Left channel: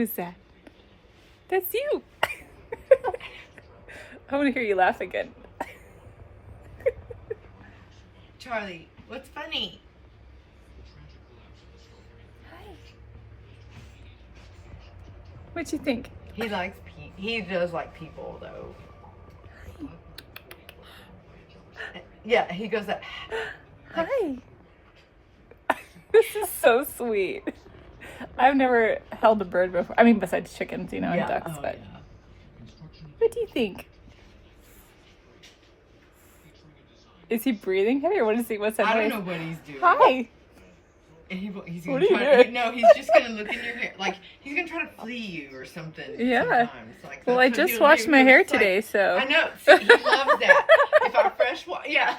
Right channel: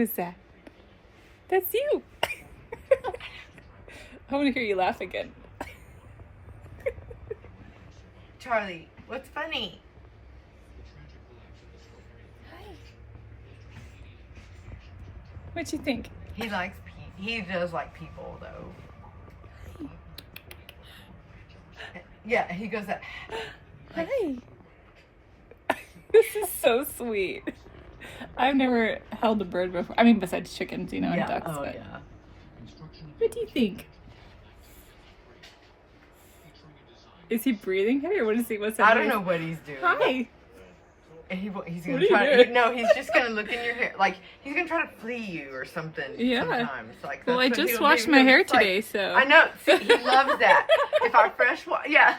Who's that? That's you. I want to hear you laugh again. Charlie, what's funny? What you think? He likes he does like people though. Yeah, he goes that. Hi. This is so sweet. I've never held a bird before. I mean, besides chickens, you know, and ducks. Oh but yeah. What do you think? Is he breathing heavy, or what is he? What's that I don't noise? know what he's doing. Hi. And he's What gonna are you try. doing? No, he's just gonna look in your hair. Like he's gonna try to flee you or something. Yeah. Sometimes. Like, Well, that's I what just he'll washed do. my hair It's like- today, so. I know. See, he loves that. If I fresh wash, yeah.